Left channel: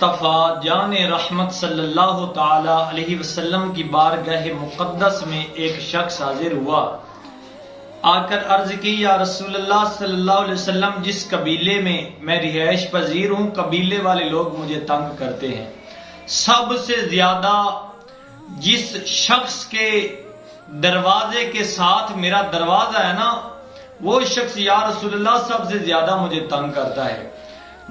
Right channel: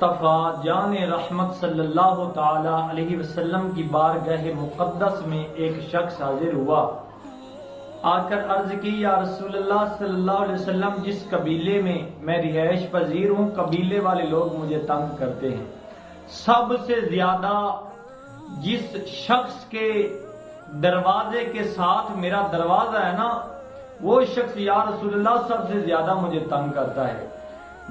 مصطفیٰ جان رحمت صلی اللہ تعالی علیہ وسلم کی بارگاہ مقدس میں ایک شخص حاضر ہوا، آ کر عرض کی، یا رسول اللہ صلی اللہ علیہ وسلم، جس قبیلے میں میں رہائش پذیر ہوں، قبیلے والے لوگ مجھے تنگ کرتے ہیں۔ سب سے زیادہ جس شخص کے دروازے کے ساتھ میرا دروازہ ہے نا، وہ شخص یا رسول اللہ سب سے زیادہ مجھے تنگ کرتا ہے۔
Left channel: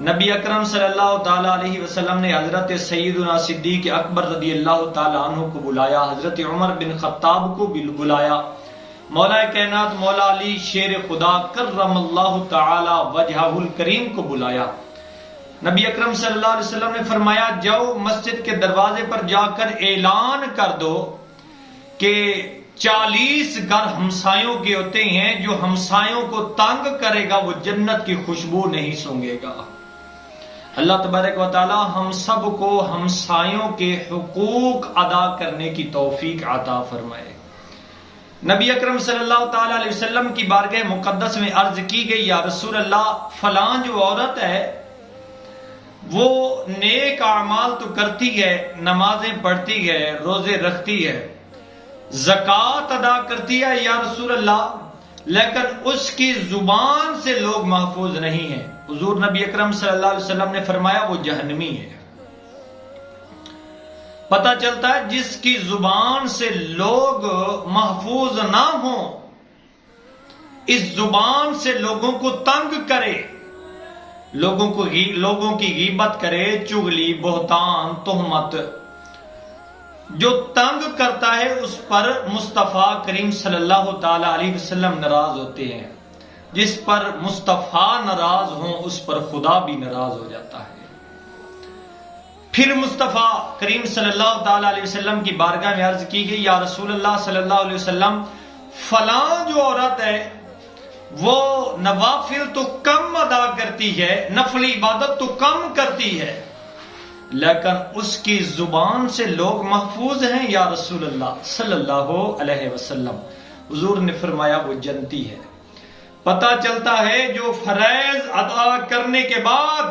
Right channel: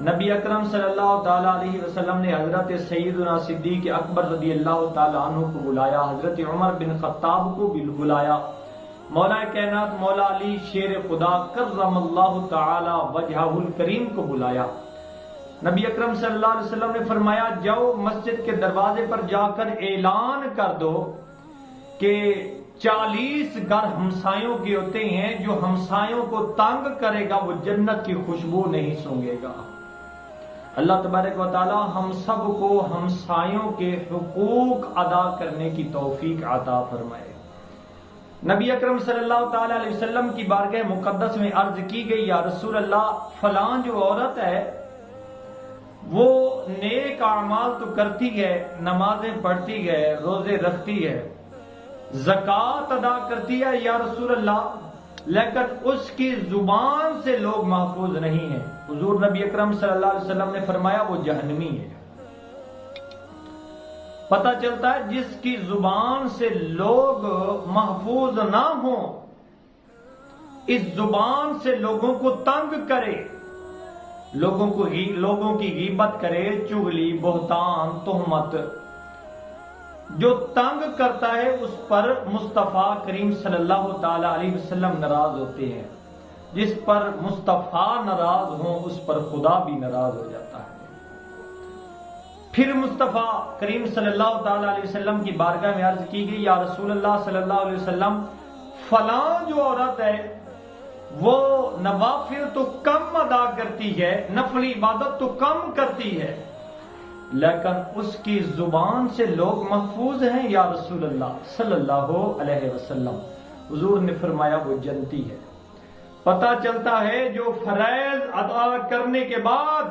نبی اکرم صلی اللہ تعالیٰ علیہ وسلم نے حضرت سیدنا صدیق اکبر رضی اللہ تعالیٰ عنہ کو بلایا، حضرت عمر بن خطاب کو بھی بلایا، مولا کائنات مولا علی شیر خدا کرم اللہ تعالی وجہہ الکریم کو بلایا۔ نبی اکرم صلی اللہ علیہ وسلم نے فرمایا، جاؤ مسجد کے دروازے پر جا کر اعلان کر دو کہ 40 گھر ہمسایوں کے ہوتے ہیں، جو ہمسایوں کو تنگ کرے گا وہ جنت کی خوشبو نہیں سونگے گا۔ اللہ تبارک و تعالی ہم سب کو ہمسایوں کے حقوق ادا کرنے کی توفیق عطا فرمائے۔ نبی اکرم صلی اللہ تعالی علیہ وسلم کی بارگاہ مقدس میں عرض کی گئی، یا رسول اللہ، فلاں جو عورت ہے وہ نیک اعمال تو کرتی ہے، نمازیں پڑھتی ہے، روزے رکھتی ہے، زکوٰۃ ادا کرتی ہے یا رسول اللہ، لیکن اس کی زبان سے لوگ محفوظ نہیں ہیں۔ حضور نبی اکرم صلی اللہ علیہ وسلم نے فرمایا وہ جہنمی ہے۔ پتہ چلتا ہے جس کی زبان سے لوگ محفوظ نہ ہوں، اس زبان سے لوگوں کو تنگ کرے، لوگوں کی غیبت کرے، چغلی، بہتان، تہمت، جو تنگ کرتا ہے اس پر مصطفیٰ کریم صلی اللہ تعالی علیہ وسلم ناراض ہوتے ہیں۔ جس پر مصطفیٰ ناراض ہوں اس پر خدا بھی ناراض ہو جاتا ہے۔ پھر مصطفیٰ کریم صلی اللہ تعالی علیہ وسلم کی بارگاہ میں عرض کی گئی، یا رسول اللہ صلی اللہ علیہ وسلم، فلاں جو عورت ہے وہ نوافل تو کم ادا کرتی ہے، نفل عبادت تو کم کرتی ہے، لیکن اس کی زبان سے لوگ محفوظ ہیں یا رسول اللہ صلی اللہ علیہ وسلم۔ حضور نے فرمایا وہ جنتی ہے۔ پتہ چلتا ہے جو فرائض ادا کرنے کے بعد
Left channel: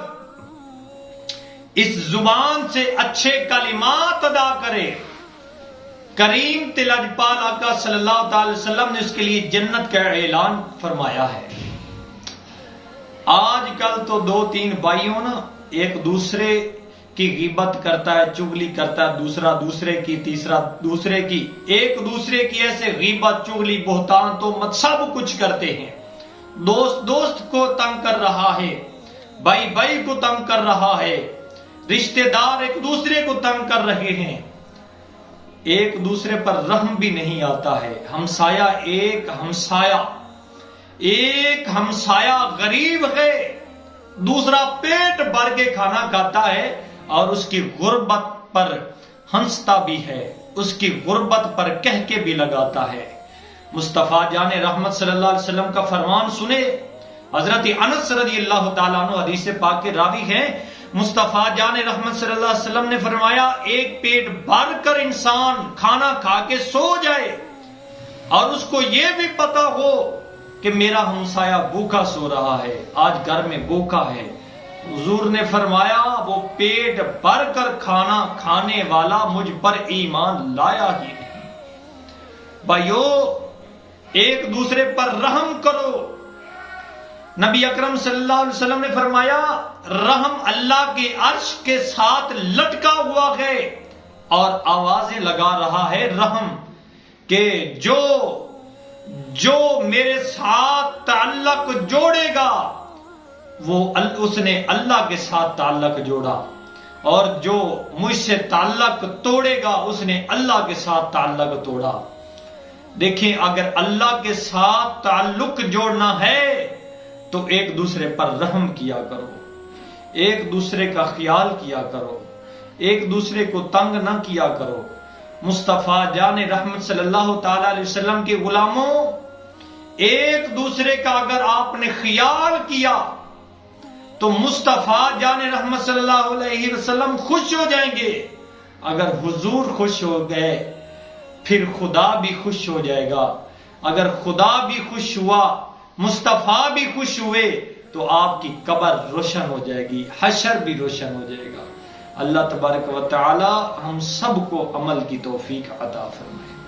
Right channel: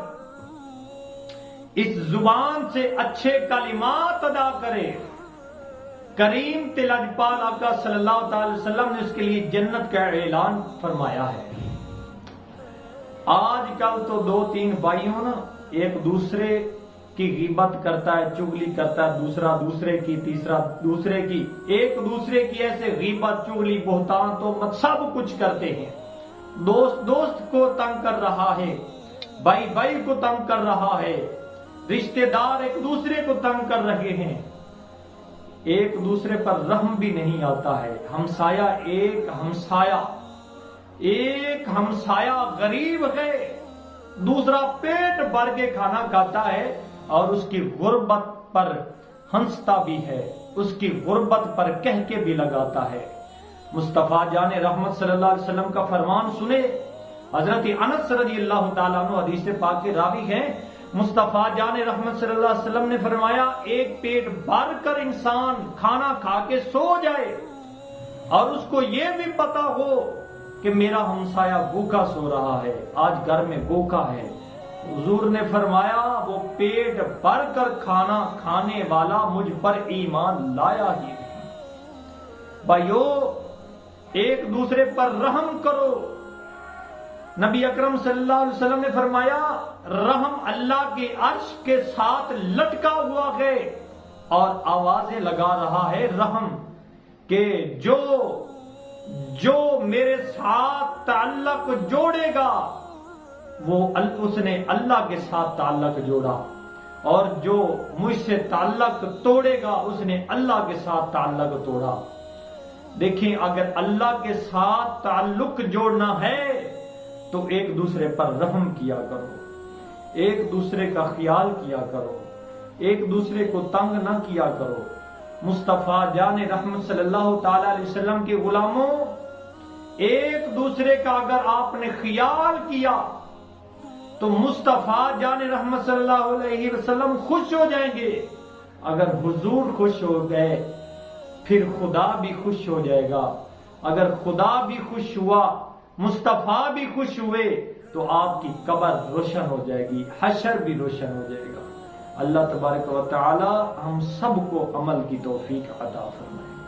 اس زبان سے اچھے کلمات ادا کرے، کریم تلجپال آقا صلی اللہ تعالی وسلم نے اس کے لیے جنت کا اعلان فرمایا ہے۔ آج کل تو 2-3 بھائیوں نا ایک دوسرے کی غیبت کرتا ہے، چغلی کرتا ہے، دوسرا دوسرے کی، تیسرا دوسرے کی، ایک دوسرے کی ایسے غیبت، چغلی، بہتان، تہمت سب کچھ کرتے ہیں۔ دوست کو تنگ کر رہا ہے، بھائی کو تنگ کر رہا ہے، رشتہ دار ایک دوسرے کو تنگ کر رہے ہیں، ایک دوسرے پر رحم بھی نہیں آتا ہے۔ ایک ہمسایہ غریب ہے، دوسرا پیٹ بھر کے کھانا کھاتا ہے اور اس کی غربت پر ہنستا بھی ہے، اس کی غربت پر کہہ کے بھی لگاتا ہے۔ مصطفیٰ جان رحمت صلی اللہ علیہ وسلم کا فرمان سنے، حضرت انس رضی اللہ تعالیٰ عنہ حدیث پاک کے راوی ہیں، مصطفیٰ جان رحمت صلی اللہ علیہ وسلم نے فرمایا، ایک پیٹ بھر کر انسان کھانا کھا کے سو جائے اور اس کو یہ بھی پتا ہو کہ میرا ہمسایہ بھوکا سو رہا ہے، آج گھر میں بھوکا ہے، حضور نے فرمایا وہ پیٹ بھر کر کھانا کھانے والا مجھ پر ایمان لایا ہی نہیں۔ بھائیو، ایک دوسرے پر رحم کرو۔ نبی اکرم صلی اللہ علیہ وسلم نے فرمایا، رحم اللہ کے عرش کے ساتھ لٹکا ہوا ہے اور آوازیں لگا رہا ہے رحم، کہ جو میرے ساتھ تعلق جوڑے گا اس نے اللہ کے ساتھ تعلق جوڑا، اور جو مجھ سے تعلق توڑے گا اس نے اللہ کے ساتھ تعلق توڑا۔ دیکھیں، اگر اللہ کے ساتھ تعلق جوڑنا ہے تو ایک دوسرے پر رحم کیا کرو، ایک دوسرے کا خیال کیا کرو، ایک دوسرے کو تنگ نہ کیا کرو۔ مصطفیٰ جان رحمت صلی اللہ تعالی علیہ وسلم کے غلاموں، ایک دوسرے کا اگر آپ نے خیال کیا تو مصطفیٰ جان رحمت صلی اللہ علیہ وسلم خوش ہو جائیں گے۔ اگر حضور خوش ہو گئے پھر خدا بھی خوش ہو جائے گا، اگر خدا بھی خوش ہوا، مصطفیٰ بھی خوش ہوئے تو آپ کی قبر روشن ہو جائے گی، حشر بھی روشن ہو جائے گا۔ اللہ تبارک و تعالی ہم سب کو عمل کی توفیق عطا فرمائے۔